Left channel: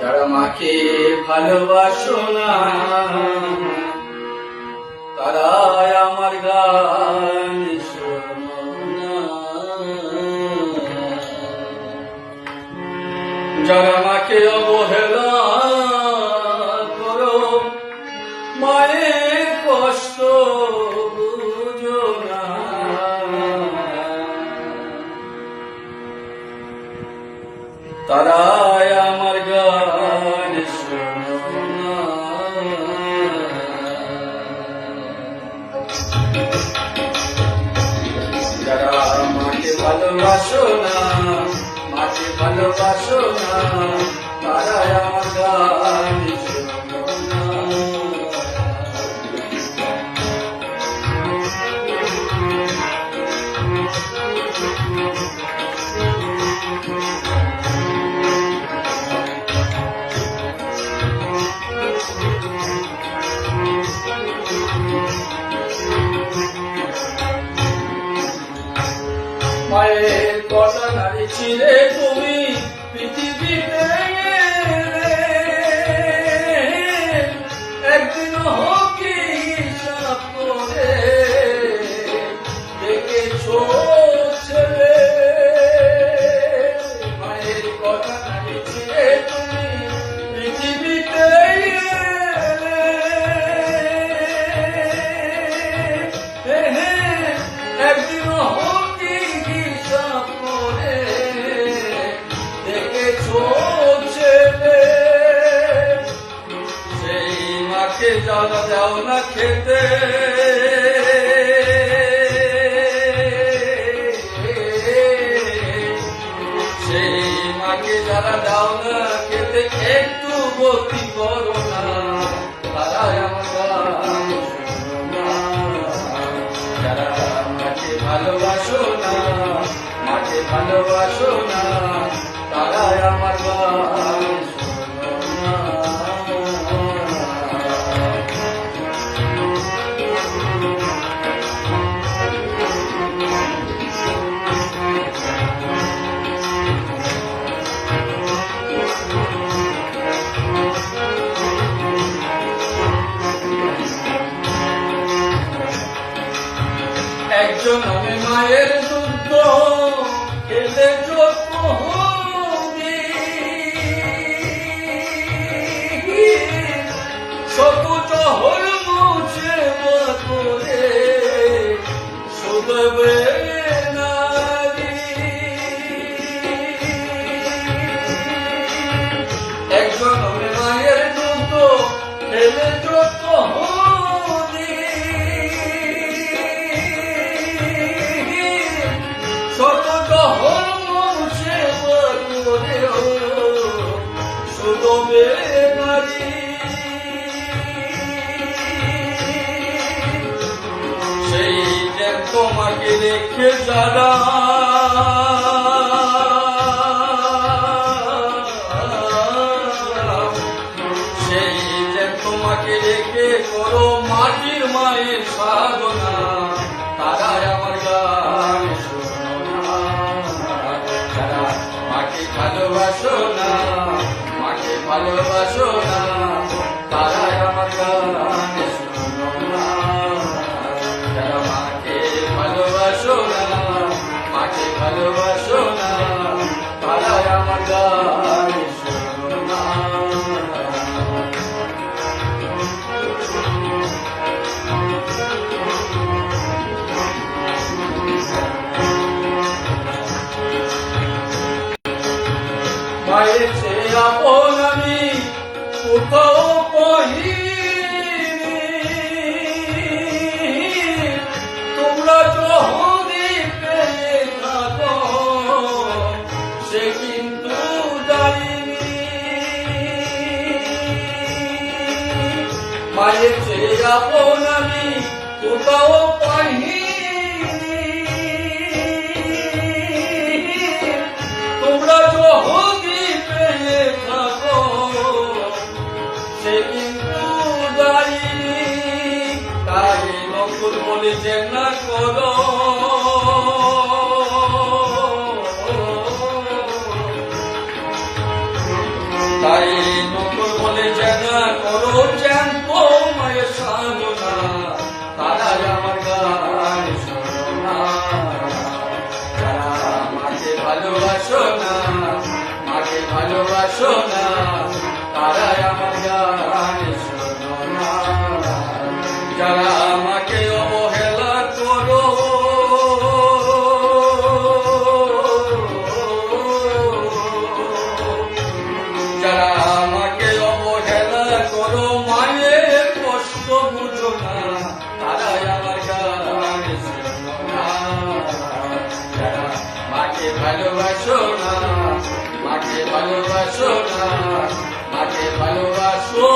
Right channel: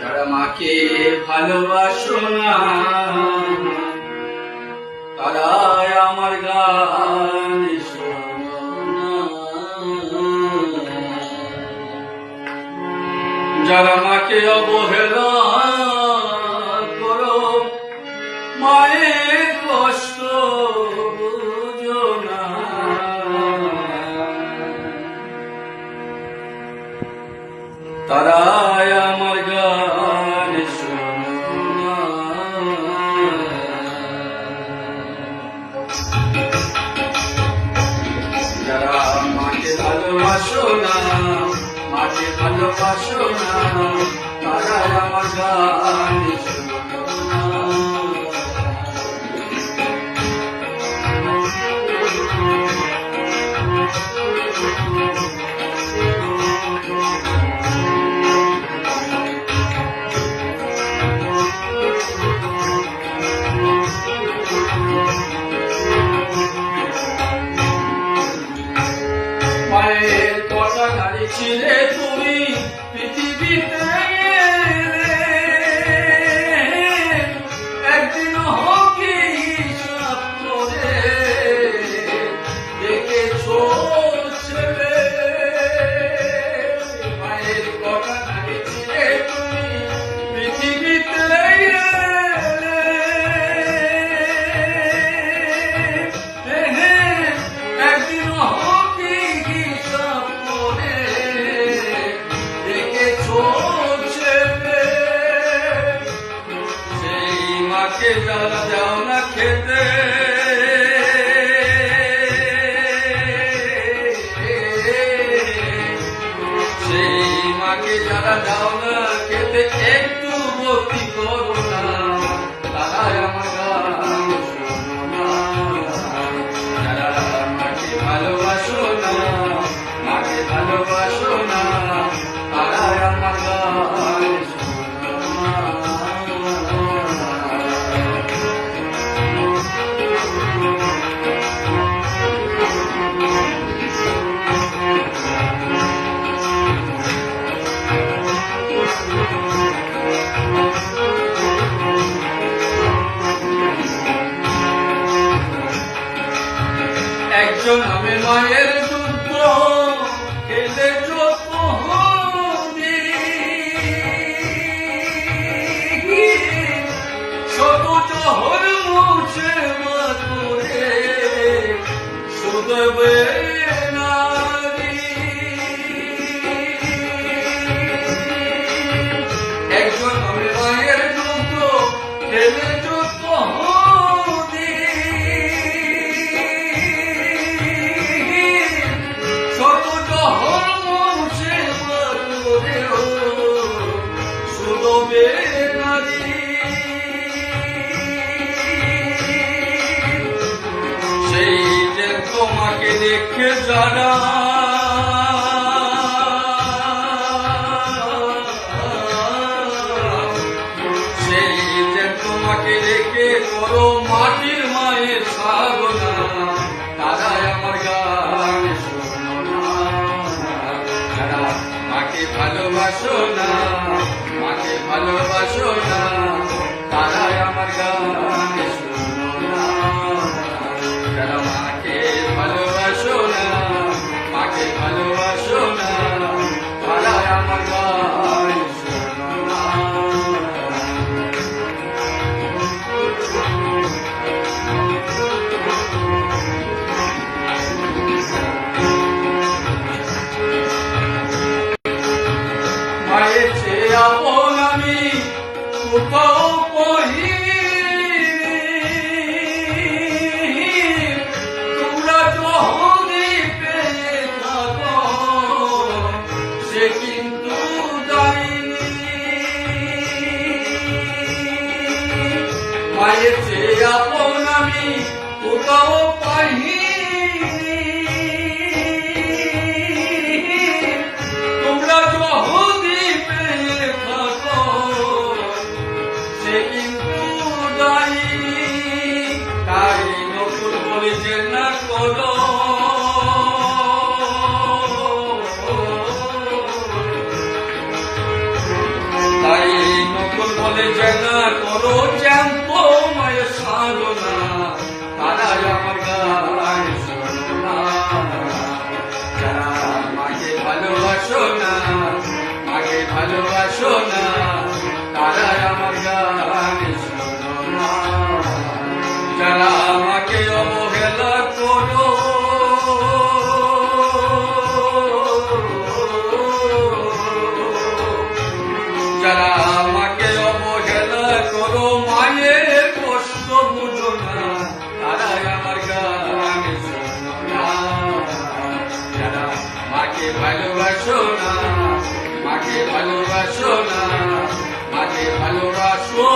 যারা মাকে ভালোবাসো না তারাই আমার গান শোনো না। যারা মাকে অবহেলা করো মায়ের কষ্ট বুঝো না, তারাই আমার গান শোনো না। যারা মাকে ভালোবাসো না, মাকে ভালোবাসো না, তারাই আমার গান শোনো না। মায়ের কথা নারী ছিলে তুমি পৃথিবীতে একদিন হকি হিসাব করে দেখেছো ছেলে। মায়ের কথা নারী ছিলে তুমি পৃথিবীতে একদিন মাকে যারা দাও না খেতে, সেই মাকে যারা দাও না খেতে একটু ভক্তি করো না, তারাই আমার গান শোনো না। যারা মাকে ভালোবাসো না, মাকে ভালোবাসো না, তারাই আমার গান শোনো না। একজন আমি মায়ের দুঃখ খেলে যত শত চহর মুছে করে শুধবে নারী। একজন আমি মায়ের দুঃখ খেলে যত সেই যে তোমাকে দেখে যারা সেই যে তোমাকে দেখে করো মাটির মায়ের সাধনা, তারাই আমার গান শোনো না। যারা মাকে ভালোবাসো না, মাকে ভালোবাসো না, তারাই আমার গান শোনো না। যারা মাকে ভালোবাসো না, মাকে ভালোবাসো না, তারাই আমার গান শোনো না। মায়ের চেয়ে আপন আমি কোথাও কহি, তোমরা যদি পেয়ে থাকো সে কিন্তু জানিনি। মায়ের চেয়ে আপন আমি কোথাও পাইনি, তোমরা যদি পেয়ে থাকো সে কিন্তু যাইনি। তাই নকুল বলেছে না করো, তাই জ্যান্ত মায়ের সাধনা, তারাই আমার গান শোনো না। যারা মাকে ভালোবাসো না, মাকে ভালোবাসো না, তারাই আমার গান শোনো না। যারা আমাকে অবহেলা করো, যারা আমাকে অবহেলা করো, মায়ের কষ্ট বুঝো না, তারাই আমার গান শোনো না। যারা মাকে ভালোবাসো না, মাকে ভালোবাসো না, মাকে ভালোবাসো